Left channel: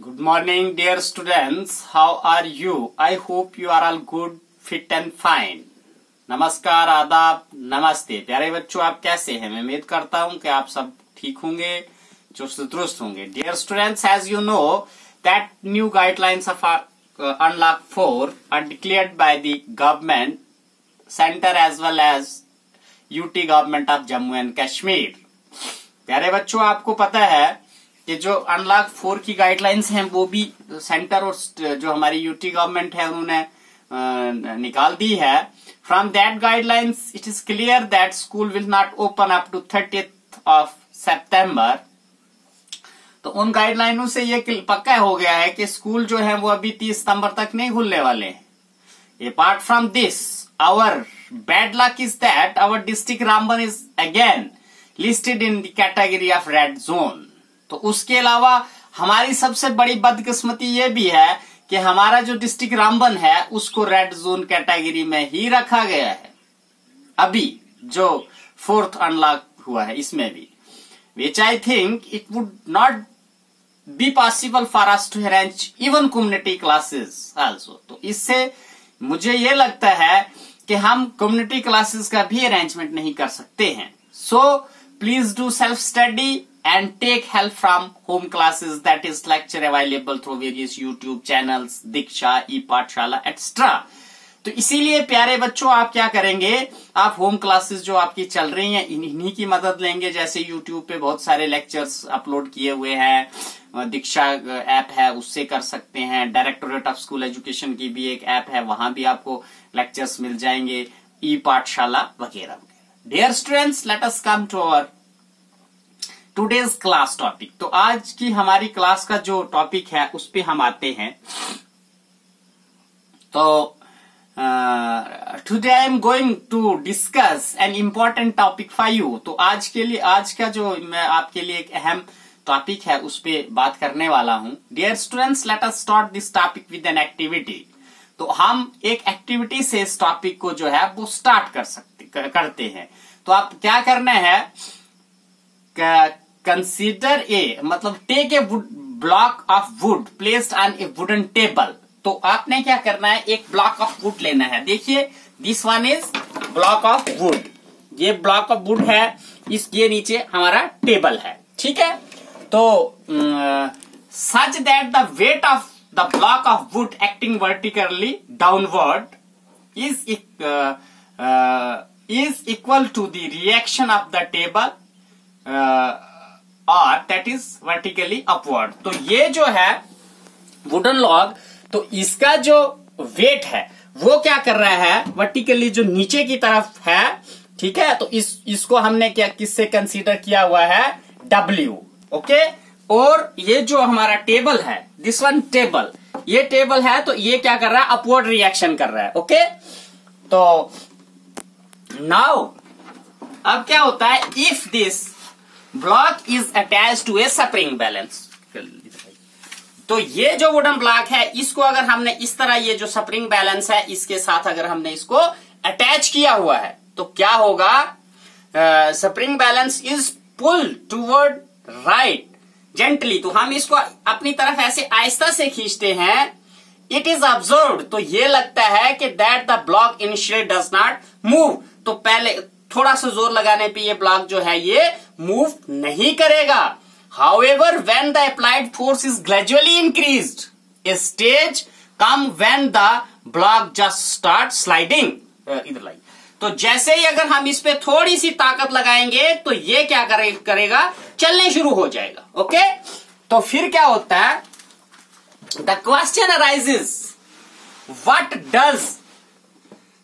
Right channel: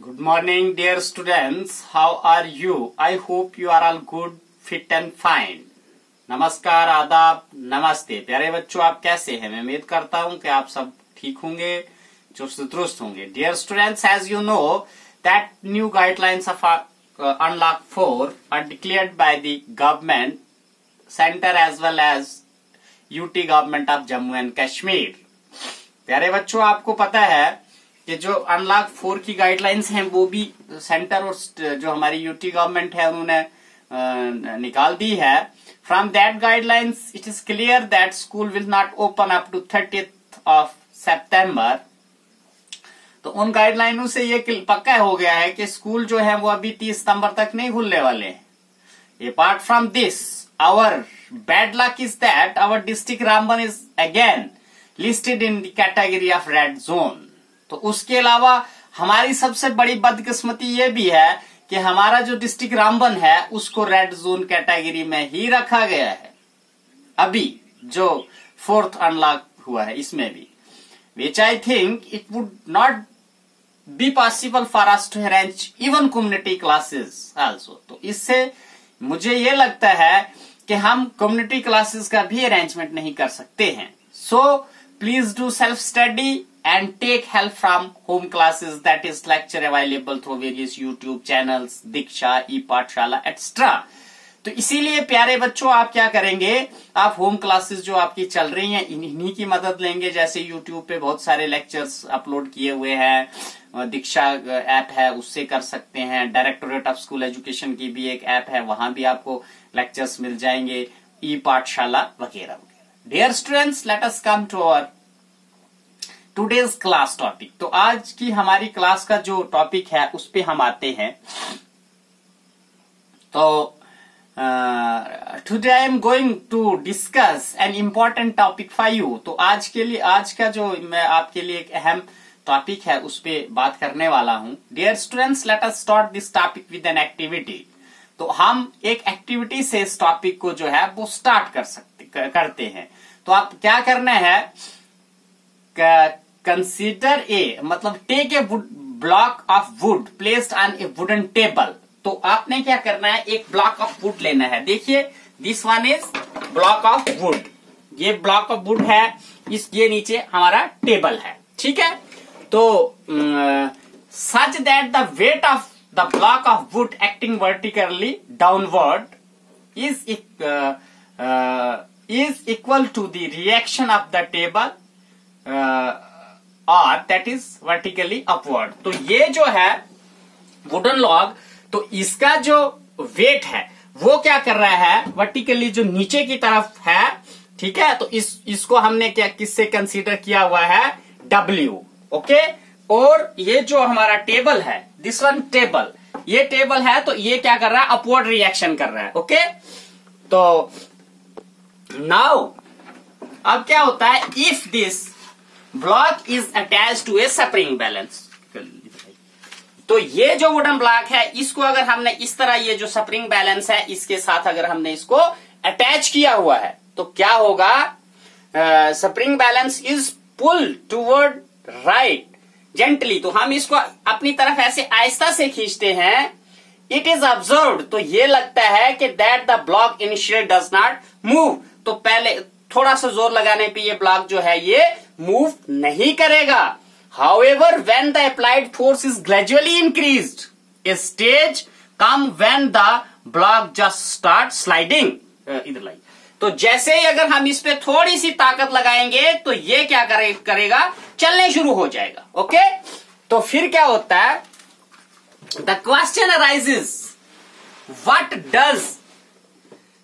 Good morning, dear students. How are you? I hope you are all good, fit and fine. नमस्कार, आदाब, नमस्ते। प्यारे बच्चों, आप कैसे हैं? मैं उम्मीद करता हूं कि आप सब ठीक होंगे, चुस्त दुरुस्त होंगे। Dear students, as you know that new guidelines of Unlock 4 are declared by the government, center as well as UT government of Jammu and Kashmir. प्यारे बच्चों, आपको पता है कि जो अनलॉक 4 की गाइडलाइंस हैं वो भी सेंटर और जो हमारी यूटी गवर्नमेंट है उन्होंने निकाल दी है। From that guidelines it is clear that school will not open up to 30th of September। तो उन गाइडलाइनों से ये पक्का हो गया है कि स्कूल जो है वो अभी 30 सितंबर तक नहीं खुलने वाले हैं। Apart from this, our bad luck is that our district Ramban is again listed in the category of red zone. तो उसके अलावा हमारी सबसे बड़ी बदकिस्मती ये भी है कि हमारा जो डिस्ट्रिक्ट रामबन है उसको रेड जोन कैटेगरी में ही रखा गया है। अभी जो 4th अनलॉक हुआ है इसमें भी, which I think it would not be possible for us to arrange even community classes also. तो इससे मुझे ये लगता है कि हम कम्युनिटी क्लासेस का भी अरेंजमेंट नहीं कर सकते हैं। So please do self study and take help from home classes, that is lecture available through various YouTube channels, Diksha, e-पाठशाला etc। तो इसीलिए प्यारे बच्चों, आप क्या करेंगे, आप होम क्लासेस जो आपकी चल रही हैं इन्हीं की मदद लेंगे। जैसे YouTube पे बहुत सारे लेक्चर्स अपलोड किए हुए हैं, दीक्षा ऐप है उससे कर सकते हैं, डायरेक्टोरेट ऑफ स्कूल एजुकेशन की भी एक ऐप है, वहां भी आपको लेक्चर्स मिल जाएंगे, ई-पाठशाला वगैरह वगैरह। Dear students, let us come to our today's class topic. तो आज की हमारी क्लास का जो टॉपिक है उस पे हम आते हैं। तो today I am going to discuss an important topic for you. तो आज के लिए, आज का जो मैं आपके लिए एक अहम टॉपिक है उस पे बात करने वाला हूं। Dear students, let us start this topic with an activity. तो हम एक एक्टिविटी से इस टॉपिक को जो है वो स्टार्ट करते हैं। तो आप क्या करना है, कंसीडर ए, मतलब take a block of wood placed on a wooden table. तो आपने क्या करना है, एक ब्लॉक ऑफ वुड लेना है। देखिए, this one is block of wood, ये ब्लॉक ऑफ वुड है, ये नीचे हमारा टेबल है, ठीक है। तो such that the weight of the block of wood acting vertically downward is equal to the reaction of the table और दैट इज वर्टिकली अपवर्ड। तो ये जो है वुडन लॉग, तो इसका जो वेट है वो क्या कर रहा है, वर्टिकली जो नीचे की तरफ है, ठीक है। तो इसको हमने क्या किससे कंसीडर किया हुआ है, W, ओके। और ये जो हमारा टेबल है, दिस वन टेबल, ये टेबल है, तो ये क्या कर रहा है, अपवर्ड रिएक्शन कर रहा है, ओके। तो नाउ अब क्या होता है, if this block is attach to a spring balance. तो ये जो वुडन ब्लॉक है इसको अगर हमने इस तरह, ये जो स्प्रिंग बैलेंस है इसके साथ अगर हमने इसको अटैच किया हुआ है तो क्या होगा, spring balance is pull toward right gently. तो हम इसको अपनी तरफ ऐसे आहिस्ता से खींचते हैं, इट इज ऑब्जर्व्ड, तो ये लगता है कि that the block initially does not move. तो पहले थोड़ा सा जोर लगाने पे ये ब्लॉक जो है ये मूव नहीं करेगा। However, when the applied force is gradually increased, a stage come when the block just starts sliding. इधर लाइए। तो जैसे ही अगर हम इस पे थोड़ी सी ताकत लगाएंगे तो ये क्या करेगा, चलने शुरू हो जाएगा, ओके। तो फिर क्या होता है, the question arises, what does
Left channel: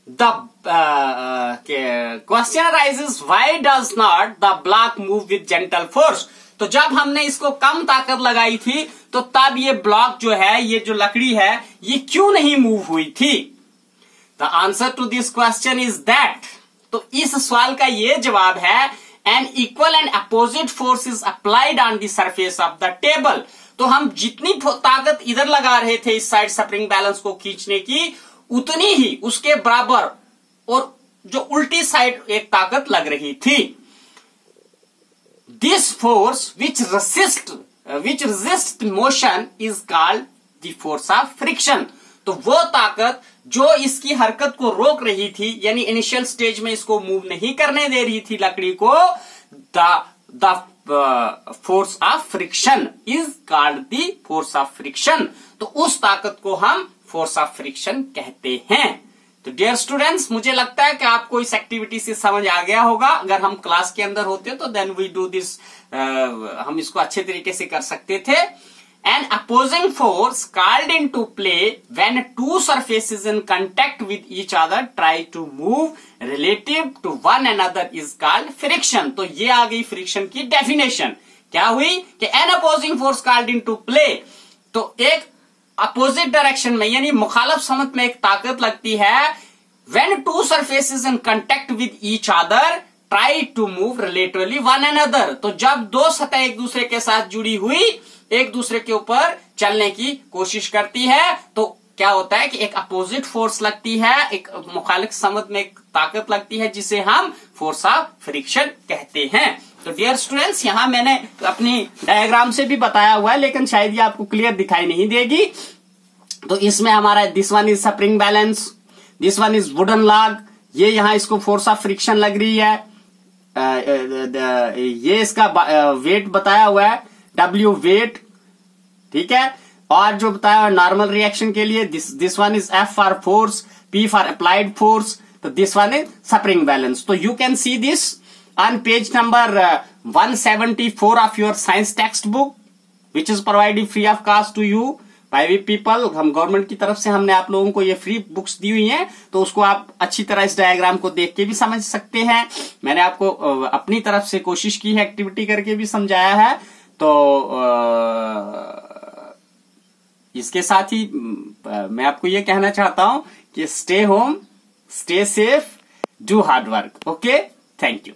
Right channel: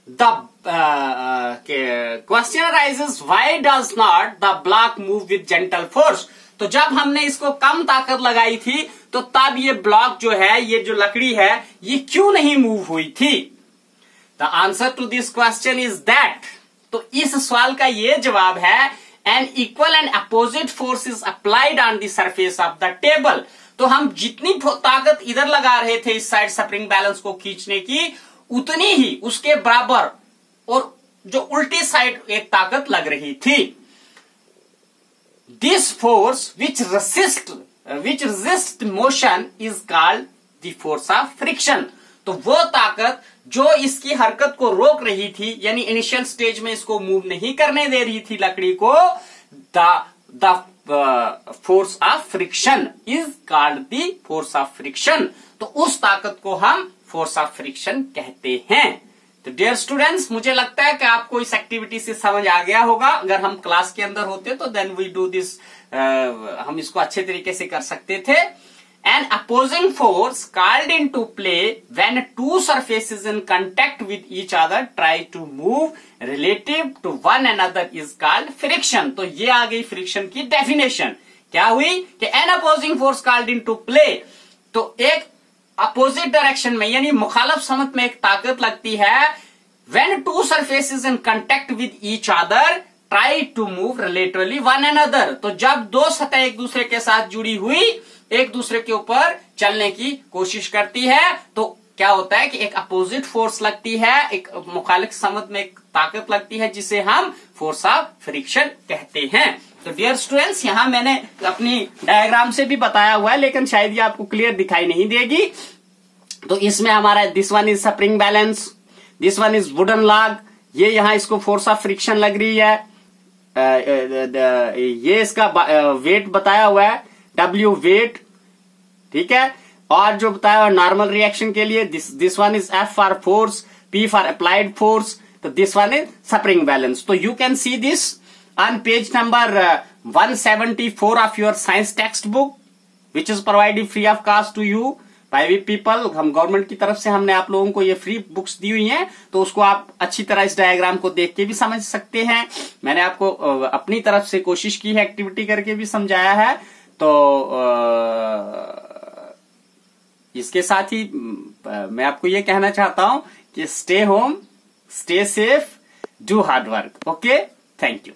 the question arises, why does not the block move with gentle force? तो जब हमने इसको कम ताकत लगाई थी तो तब ये ब्लॉक जो है, ये जो लकड़ी है, ये क्यों नहीं मूव हुई थी? The answer to this question is that, तो इस सवाल का ये जवाब है, an equal and opposite force is applied on the surface of the table. तो हम जितनी ताकत इधर लगा रहे थे इस साइड स्प्रिंग बैलेंस को खींचने की, उतनी ही उसके बराबर और जो उल्टी साइड एक ताकत लग रही थी। This force which resists which resists motion is called the force of friction. तो वो ताकत जो इसकी हरकत को रोक रही थी, यानी इनिशियल स्टेज में इसको मूव नहीं करने दे रही थी लकड़ी को, the force of friction is called the force of friction. तो उस ताकत को हम फोर्स ऑफ फ्रिक्शन कहते हैं. तो डियर स्टूडेंट्स, मुझे लगता है कि आपको इस एक्टिविटी से समझ आ गया होगा. अगर हम क्लास के अंदर होते तो देन वी डू दिस, हम इसको अच्छे तरीके से कर सकते थे. An opposing force called into play when two surfaces in contact with each other try to move relative to one another is called friction. तो ये आ गई फ्रिक्शन की डेफिनेशन. क्या हुई कि an opposing force called into play, तो एक opposite direction में यानी मुखालफ समत में एक ताकत लगती है. When two surfaces in contact with each other try to move relatively one another, तो जब दो सतह एक दूसरे के साथ जुड़ी हुई एक दूसरे के ऊपर चलने की कोशिश करती है, तो क्या होता है कि एक अपोजिट फोर्स लगती है, एक मुखालिफ समत में एक ताकत लगती है जिसे हम फोर्स ऑफ फ्रिक्शन कहते हैं. तो डियर स्टूडेंट्स, यहां मैंने अपनी डायग्राम से भी बताया हुआ है, लेकिन शायद ये आपको क्लियर दिखाई नहीं देगी. तो इसमें हमारा this one is spring balance, this one is wooden log, ये यहां इसको फोर्स ऑफ फ्रिक्शन लग रही है. ये इसका वेट बताया हुआ है, W वेट, ठीक है. और जो बताया हुआ नॉर्मल रिएक्शन के लिए this one is F for force, P for applied force, तो this one is spring balance. तो you can see this on page number 174 of your science text book which is provided free of cost to you by we people. हम government की तरफ से हमने आप लोगों को ये फ्री बुक्स दी हुई हैं, तो उसको आप अच्छी तरह इस डायग्राम को देख के भी समझ सकते हैं. मैंने आपको अपनी तरफ से कोशिश की है, एक्टिविटी करके भी समझाया है. तो इसके साथ ही मैं आपको ये कहना चाहता हूं कि stay home, stay safe, do hard work. Okay, thank you.